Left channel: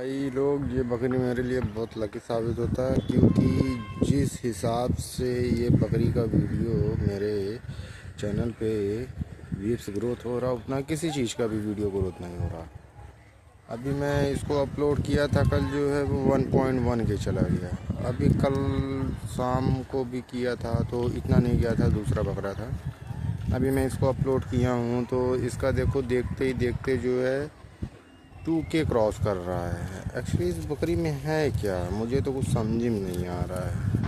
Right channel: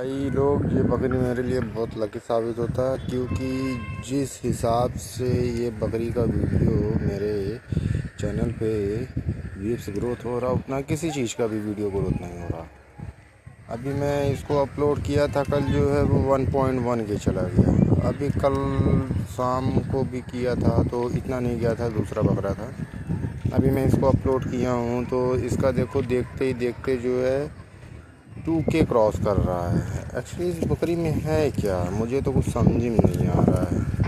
भाई लोग, ये बकरी मेरे लिए बहुत लकी साबित होता है, क्योंकि जिस हिसाब से ये बकरी का वीडियो मेरे चैनल पे व्यूज़ ग्रोथ हो रहा, उतना किसी चीज़ का भी वीडियो ग्रोथ नहीं हो रहा। अभी मैं इसको अपलोड किया था कल, जो है वो 1.1 के चला गया। अभी कल शाम को भी किया था तो इतना नहीं गया था, दूसरा बकरा था। अभी मैं इसको अपलोड किया हूँ तो इसका देखो, देखते ही देखते जो है 2K क्रॉस कर रहा है। एक्चुअली इस बकरी में है क्या, मुझे तो कुछ समझ में नहीं आ रहा है।